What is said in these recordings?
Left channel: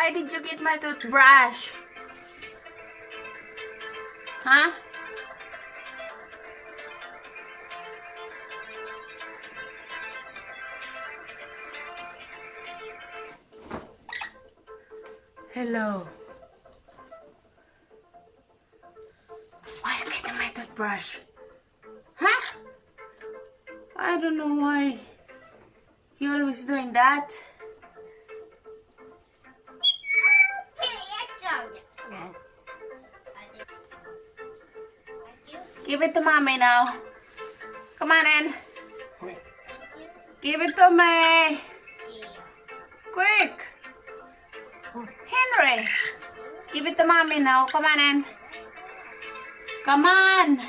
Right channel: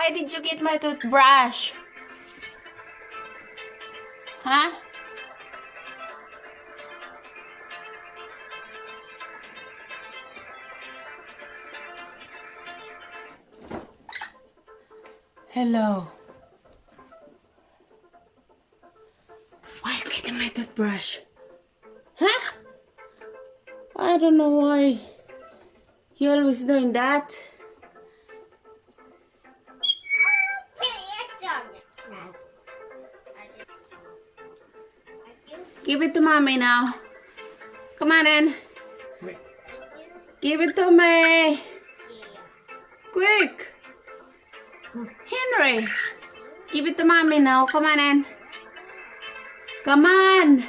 Why did you get my toothbrush? Huh? Hello. Why are you getting my toothbrush? Huh? I don't know why you always doing that. Give it to mommy now. Come on in. Give it to me. Quick. Henry. Give it to mommy now. Come on in. Come on.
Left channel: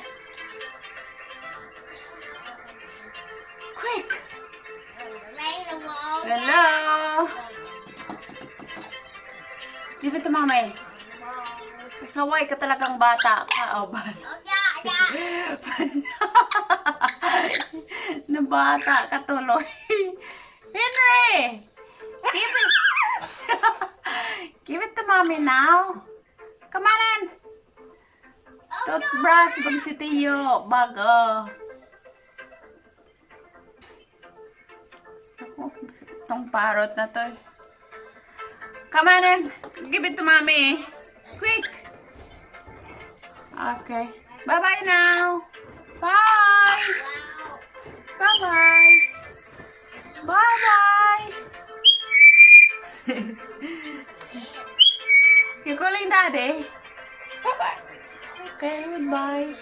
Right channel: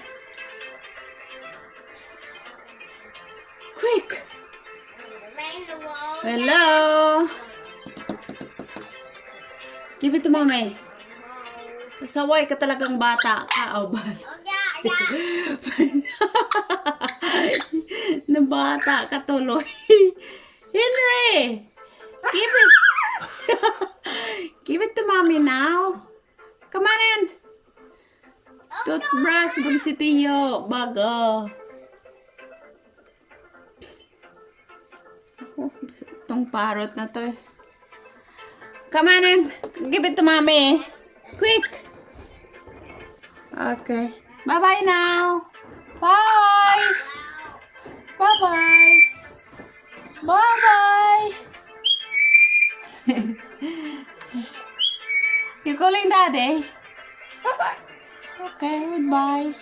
Quick. Hello. Give it to mommy. Saway ka talagang bata ka. Oh, na bata ka tuloy. Henry. Give it. Give it to mommy now. Come on in. Toothbrush bag si Tiyo. Bago. Ako, itong parrot na to. Come on in. Give it to mommy. Quick. Okay. Bye-bye now. Bye. Bye-bye. Bye-bye. You calling daddy? Okay, goodbye.